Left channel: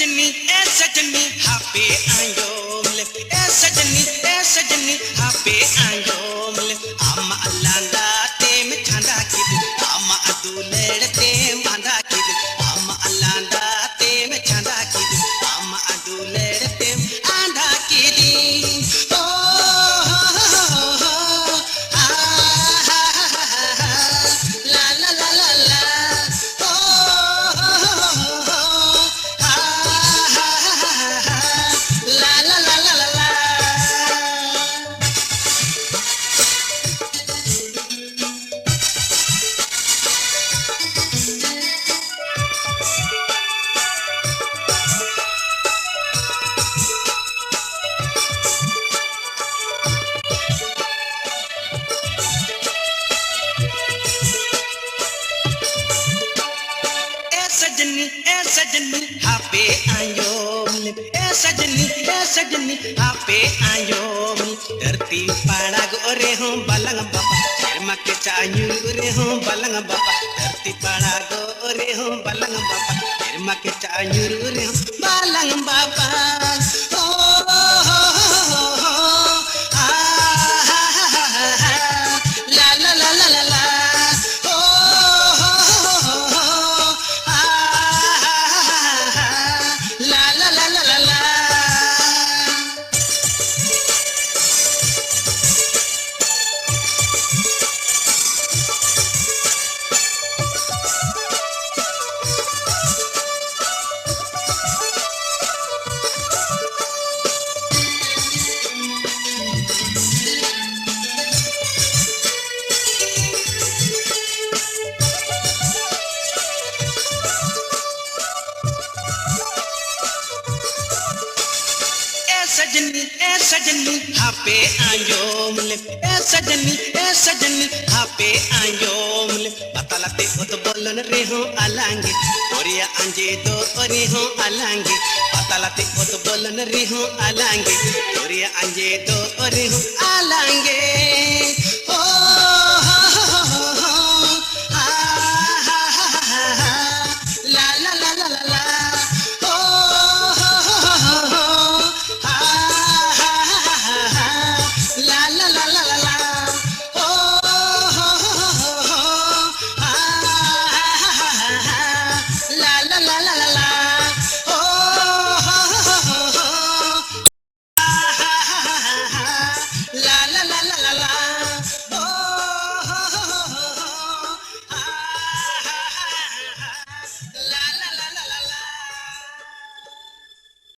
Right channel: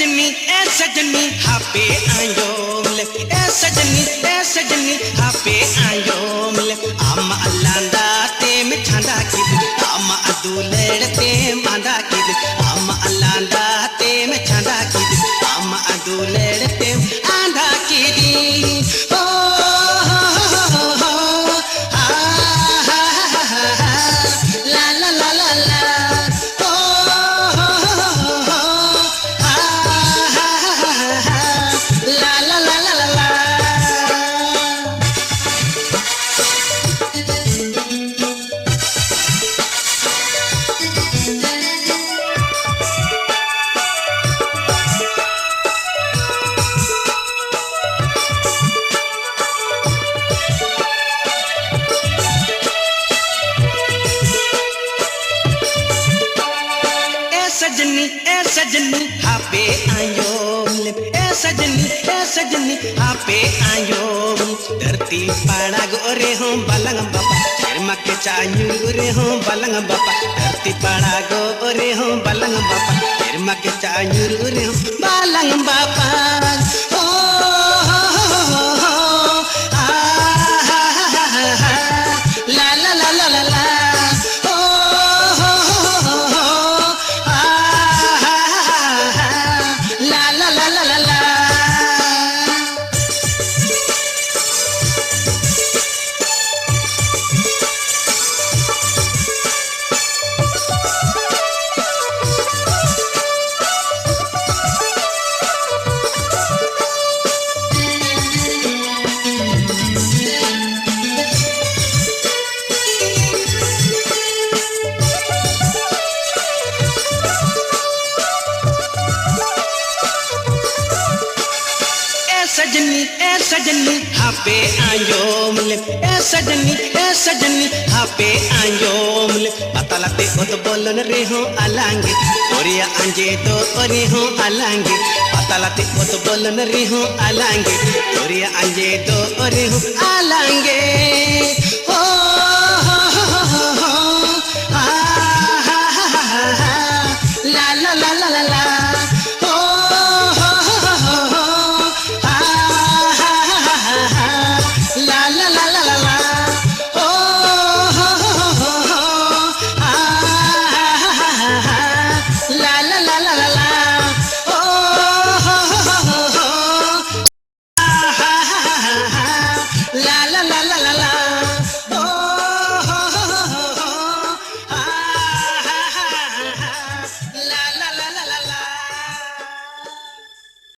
सजनी हापे आयो मिले ए सजनी हापे आयो मिले आमा अल्लांदा ते में छांदा किद आमा अदुलेड़ ते मांदा किद आमा अल्लांदा ते में छांदा किद आमा अदुलेड़ ते आंदा किदी ओ ला ला ला ला ला सजनी हापे आयो मिले ए सजनी हापे आयो धरती पाड़ा गोरे हो बलंग बापा शर्मा के चायू रे हो बलंग बापा धरती पाड़ा गोरे हो बलंग बापा शर्मा के चायू रे हो बलंग बापा ओ ला ला ला ला ला सजनी हापे आयो मिले ए सजनी हापे आयो मिले पतालाते ओत बोलन रे हो आलांगे ओरिया अंजे तो ओरे हो आलांगे पतालाते ओत बोलन रे हो आलांगे ओरिया अंजे तो ओरे हो आलांगे